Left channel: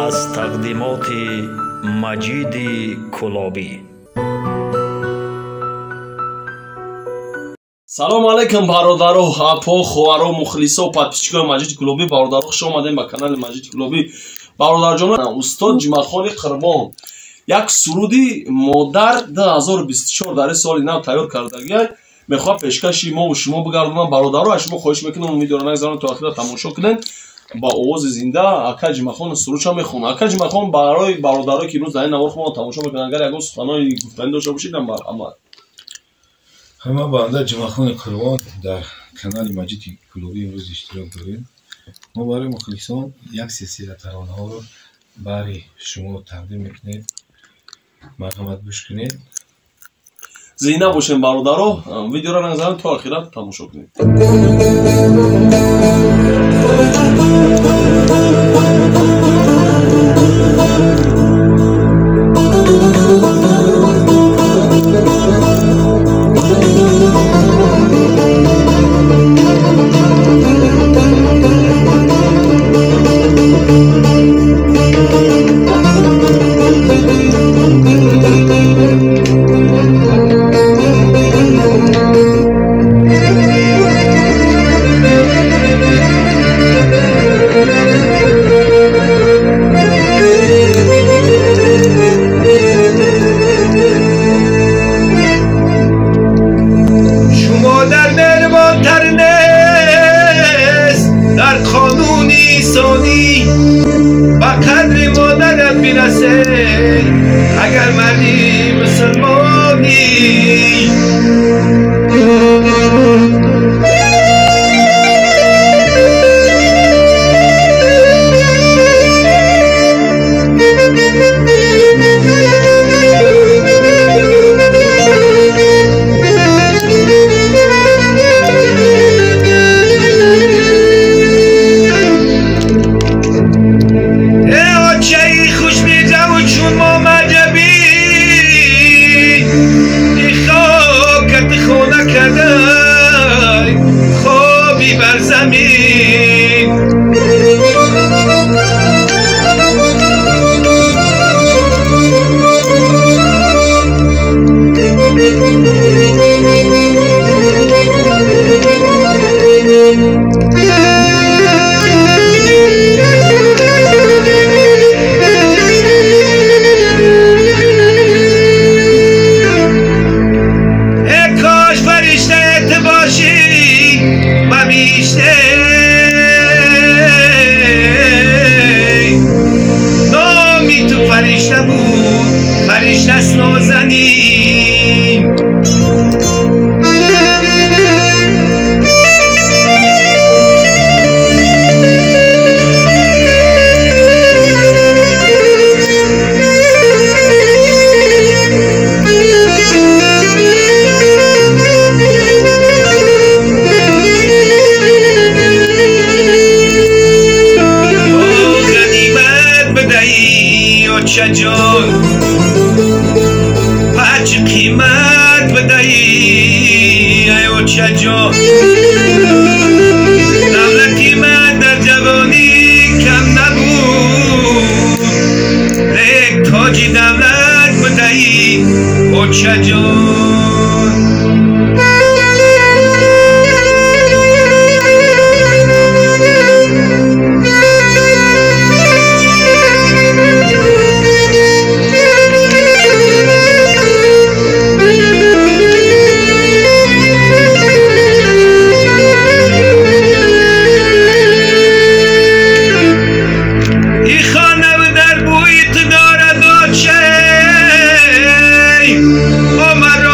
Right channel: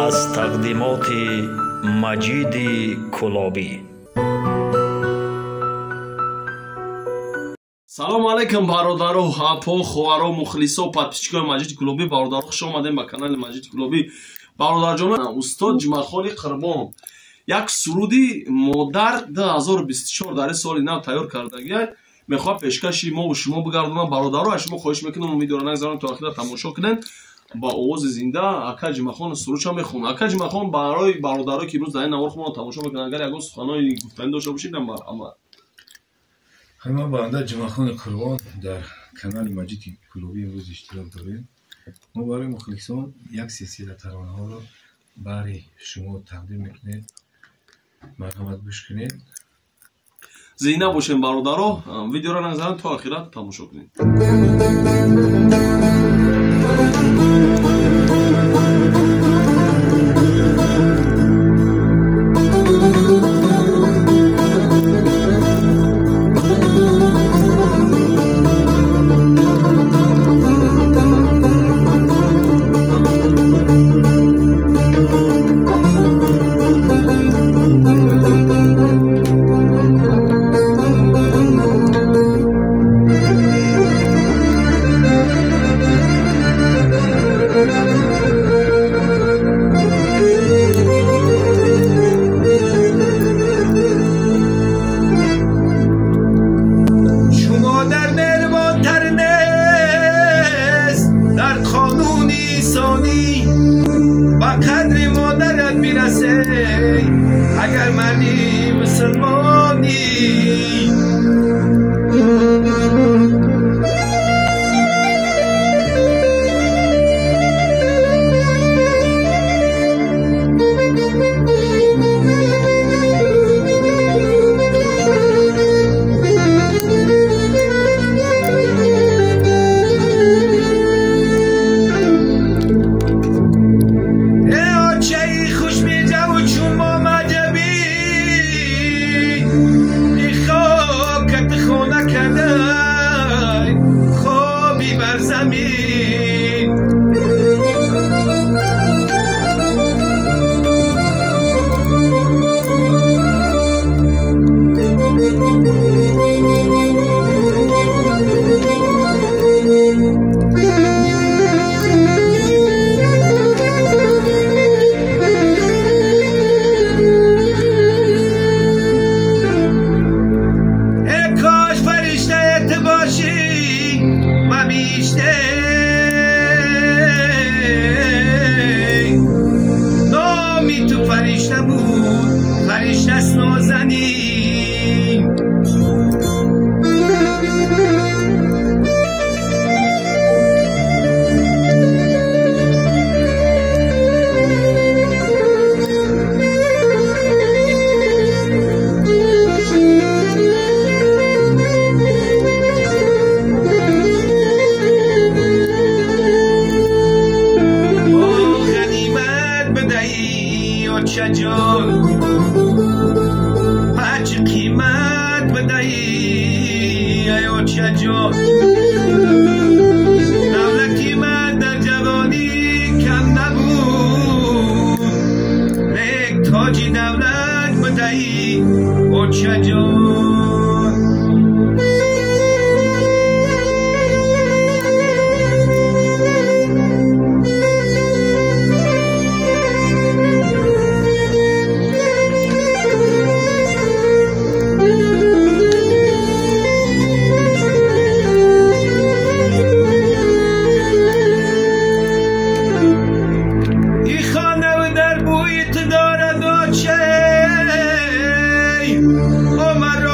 از تقدیمات مجید کلابی. салому алайкум бародаро, апо, ховаро, мухлисо, подписчикои Маҷиди Кулобӣ. Бародаро, хуш омадем ба канали Маҷиди Кулобӣ. Бародарҷонон, устод Ҷумъахони Қурбон як суруди модар 2024 дар ин соли нав тайёр кардагиай. мехоҳам пешкаши мо ва шумо бигардонам. Бародаро, аз шумо хоҳиш мекунам видеоро нагзаронед то охира тамошо кунед. با اوز زنده اکا جمعخان سروش هم میخونم. اکا جمعخان برای برادرایی که امروز در این نوار خودم تماشا میکنن اگر یک سخنانی گفتنی داشته باشید اما همه بنده جمعخان قربان در کانال مجید کلابی امروز اشتراک داریم. ما برای مخلصان یک سلسله ترانه ها رو برای شما تقدیم میکنیم. مرحمت گوش کنید. زینه باشین برادرها. ویدیو را نگذارید تا آخرت تماشا کنید. اگر مردی مسلمانی دولتی من در جوانی کم نبود یک تاجی دولت بدهی اوچه جان Oh my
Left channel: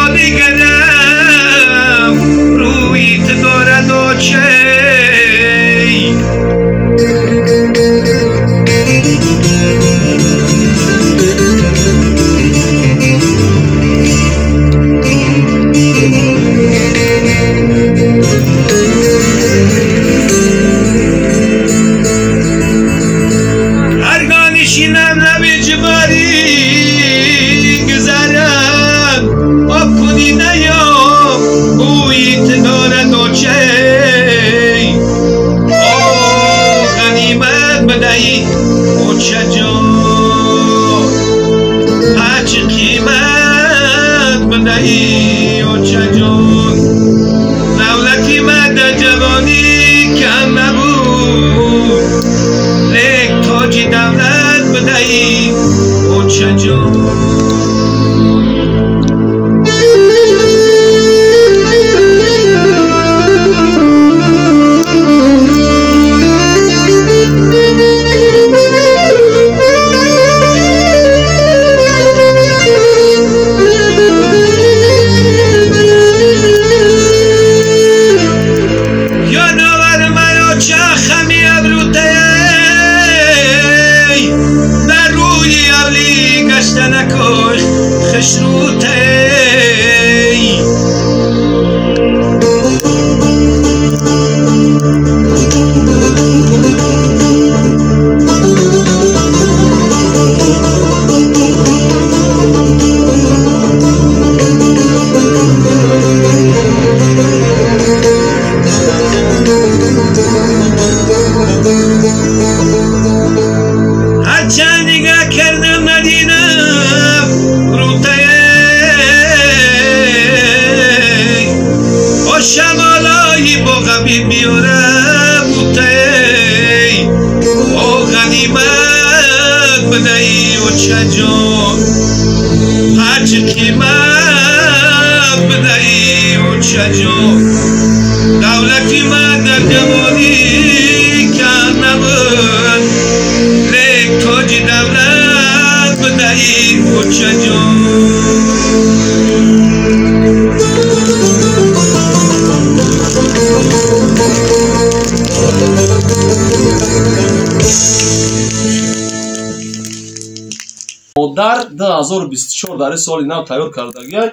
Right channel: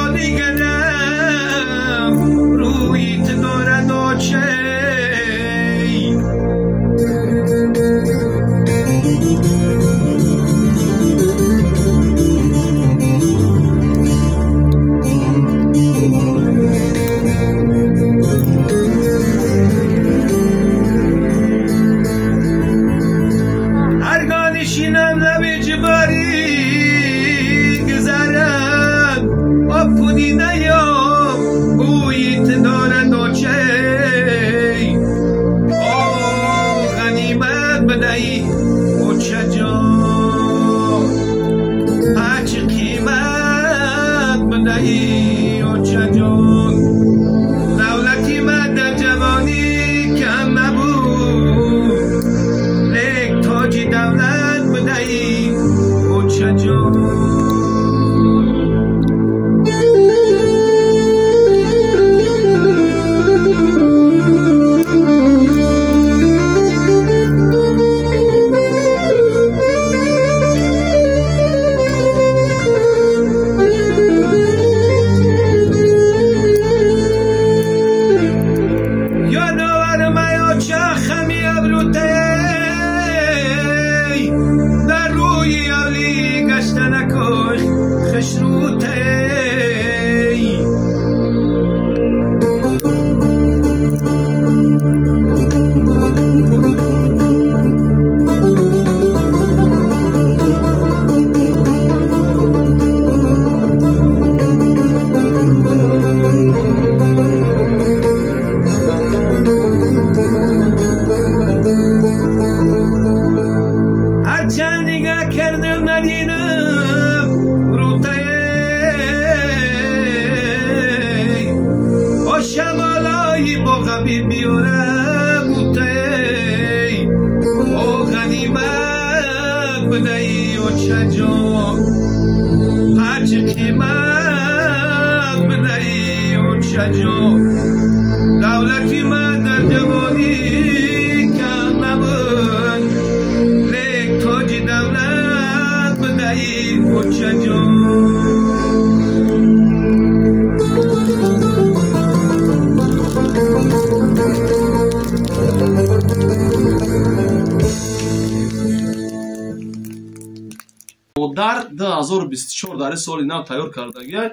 дар 2024 дар соли нав тайёр кардагиай